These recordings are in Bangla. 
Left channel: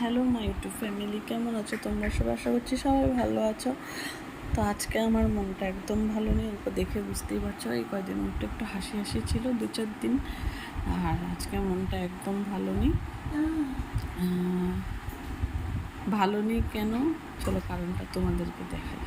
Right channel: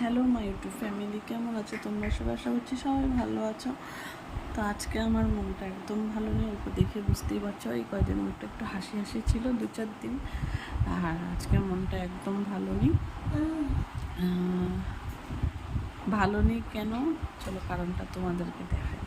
হ্যালো মাই ইউটিউব ফ্যামিলি, কেমন আছো তোমরা সবাই? আশা করছি সবাই ভালো আছো। তো আজকে আমার মনটা একদম ভালো নেই, এরপর দেখে বুঝতেই পারছো। এই কয়দিন মনটা একটু হাসি হাসি ছিল, 2-4 দিন। আর আজকে মনটা একদম ভালো নেই। ভালো নেই কেন, চলো কারণটা তোমাদেরকে দেখাই।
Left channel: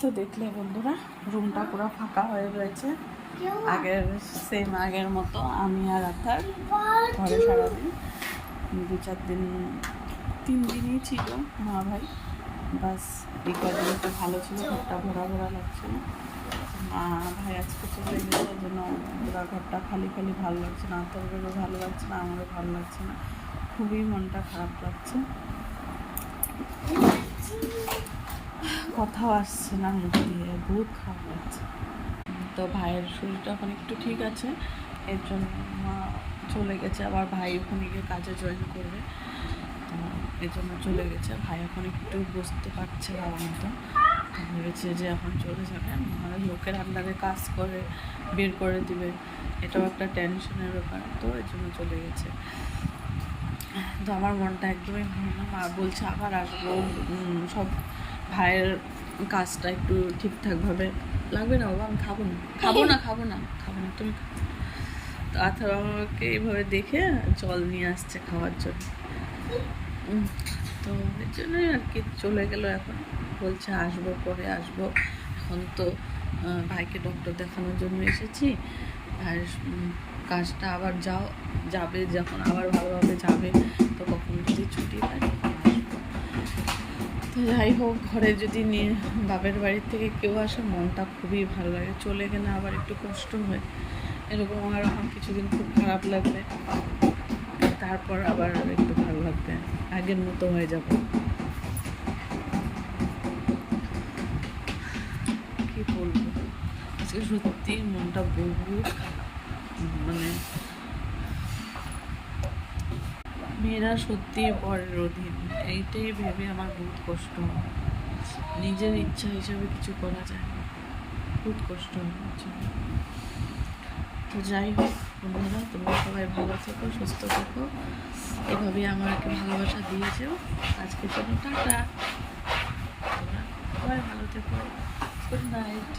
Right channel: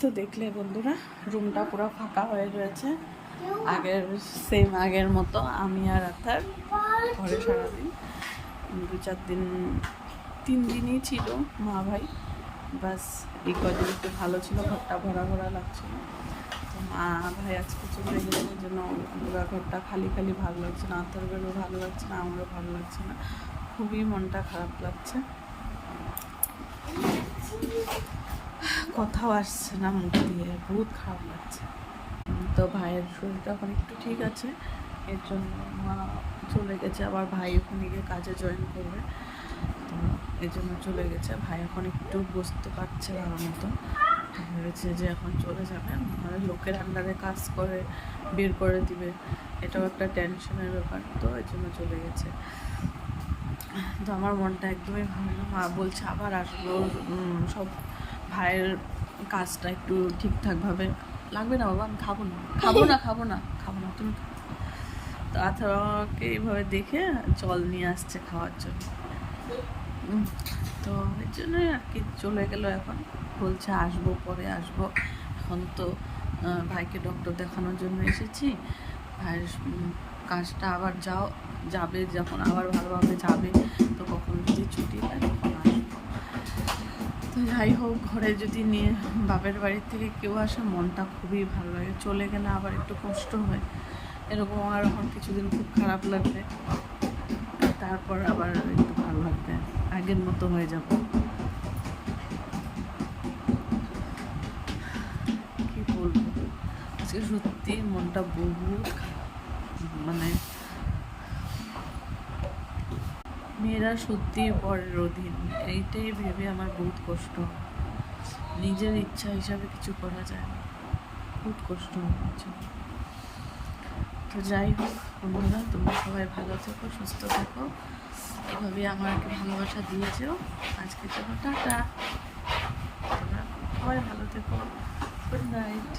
তো দেখলে বন্ধুরা, রুমটা পুরো ফাঁকা হয়ে রয়েছে। আগের মতো আমি আর আথার ঘরে সারাদিন 2-4 দিন, 3 দিনই ছিল মা ভাই। বাস এই কদিন একটু ভালো ছিল, ঘরটা ভরা ভরা লাগছিল। তো মা ভাই আজকে চলে গেছে, এই জন্য পুরো ঘরটা খালি খালি ভালো লাগছে না। আথারও ভালো লাগছে না, আমারও ভালো লাগছে না, খুবই মনটা খারাপ লাগছে। কথাও আসছে না মুখ দিয়ে, বহুত খারাপ লাগছে। তো ভাইয়ের শরীরটা এখন একটু ঠিক আছে, এর জন্য মা চলে গেছে। আবার ভাই ওখানে গিয়ে কাজে জয়েন করবে, তো এই জন্য চলে গেছে। ভাই এখন একটু বসতে পারছে ভালো মতো, তো ভেবেছে যে এখন চলে যাবে, নাহলে লোকের আন্ডারে কাজ করে বের করে দিবে, এটাও একটা টেনশনের ব্যাপার। তো এই জন্য চলে গেছে। তো আমার মনটা একদমই ভালো না। মা বলছে আবার আসবো, সব ভাইয়ের কাজটা একটু ঠিকঠাকভাবে লাগবে না। বাবা আমি খাবো না, তুমি খাও। তো আথার আমাকে এইভাবে দেখে জল নিয়ে আসছে খাওয়ার জন্য। তো এর জন্যই আর কি চলে গেল। এখন বলছে আসবো, পরে আসবো। এখন তো ভাইকে ডক্টর দেখানোর জন্য এসেছি। ভাইয়ের কাজটা আবার যাবে, যখন আবার ভালোভাবে যাবে, তো কখনো যদি ছুটি পায় তখন আসবো। তো যাই হোক, ঘরে যদি নিয়ে বাপের বাড়ির থেকে কেউ আসে মনটা খুবই ভালো লাগে। চলে গেলে আবার একটু কষ্ট হয়, এরকম আমার এখন কিছুদিন খুব খারাপ লাগবে, তারপর আবার একটু ভালো লাগবে, আগের মতো হয়ে যাব। কি বলবো, আজকে সত্যি মনটা বহুত খারাপ। মানে মেয়েরা সত্যি পরের অধীন, এইটাই ভেবে আমার বহুত কষ্ট হয়। নিজের ইচ্ছা হিসাবে কিছু করা যায় না, বহুত কষ্ট হয়। তো যাই হোক বন্ধুরা, তোমরা সবাই ভালো থেকো, সুস্থ থেকো, এভাবেই আমাকে ভালোবাসা দিয়েছো। আজকের জন্য টাটা, তোমরা সবাই ভালো থেকো, গুড নাইট।